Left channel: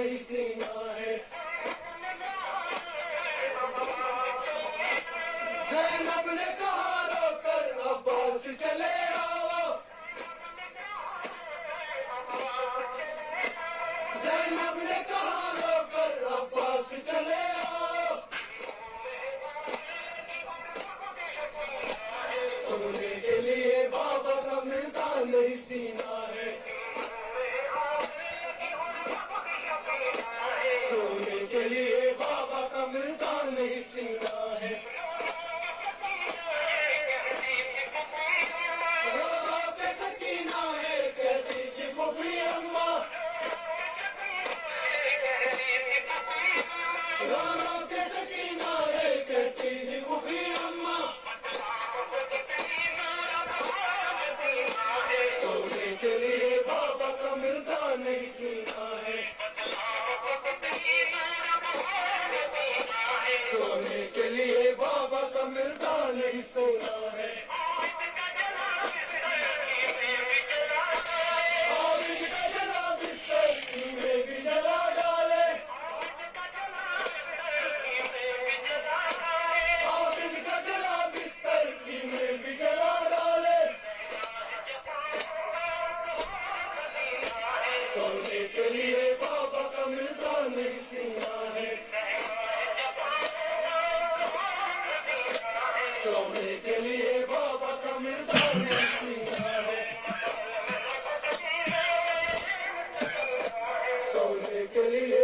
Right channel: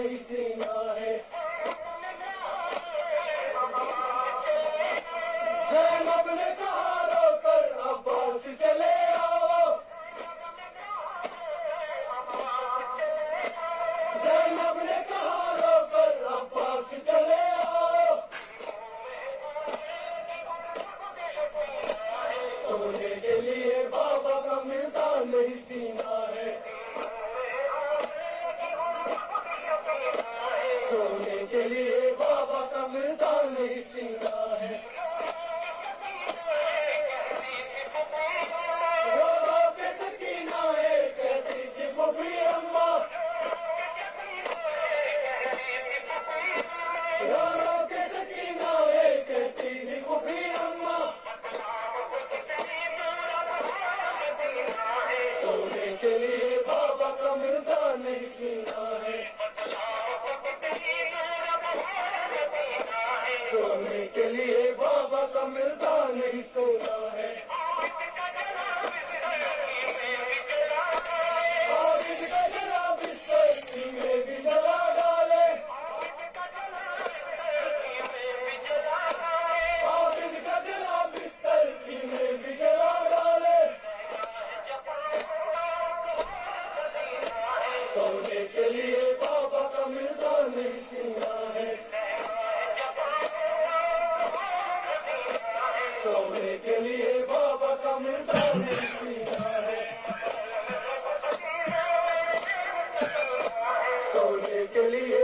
نہیں سینا ہے. زینب نے کہا رو کر عباس چلے آؤ. زینب نے کہا رو کر عباس چلے آؤ. سونے کے لیے بابا کا ملتا نہیں سینا ہے. سونے کے لیے بابا کا ملتا نہیں سینا ہے. رو رو کے سکینہ ہے کہتی تھی پھوپھی اماں. رو رو کے سکینہ ہے کہتی تھی پھوپھی اماں. سونے کے لیے بابا کا ملتا نہیں سینا ہے. سونے کے لیے بابا کا ملتا نہیں سونا ہے. عابد کا جلا بستر میں بھی جلا ڈالے. عابد کا جلا بستر میں بھی جلا ڈالے. سونے کے لیے بابا کا ملتا نہیں سینا ہے. سونے کے لیے بابا کا ملتا نہیں سینا ہے. سونے کے لیے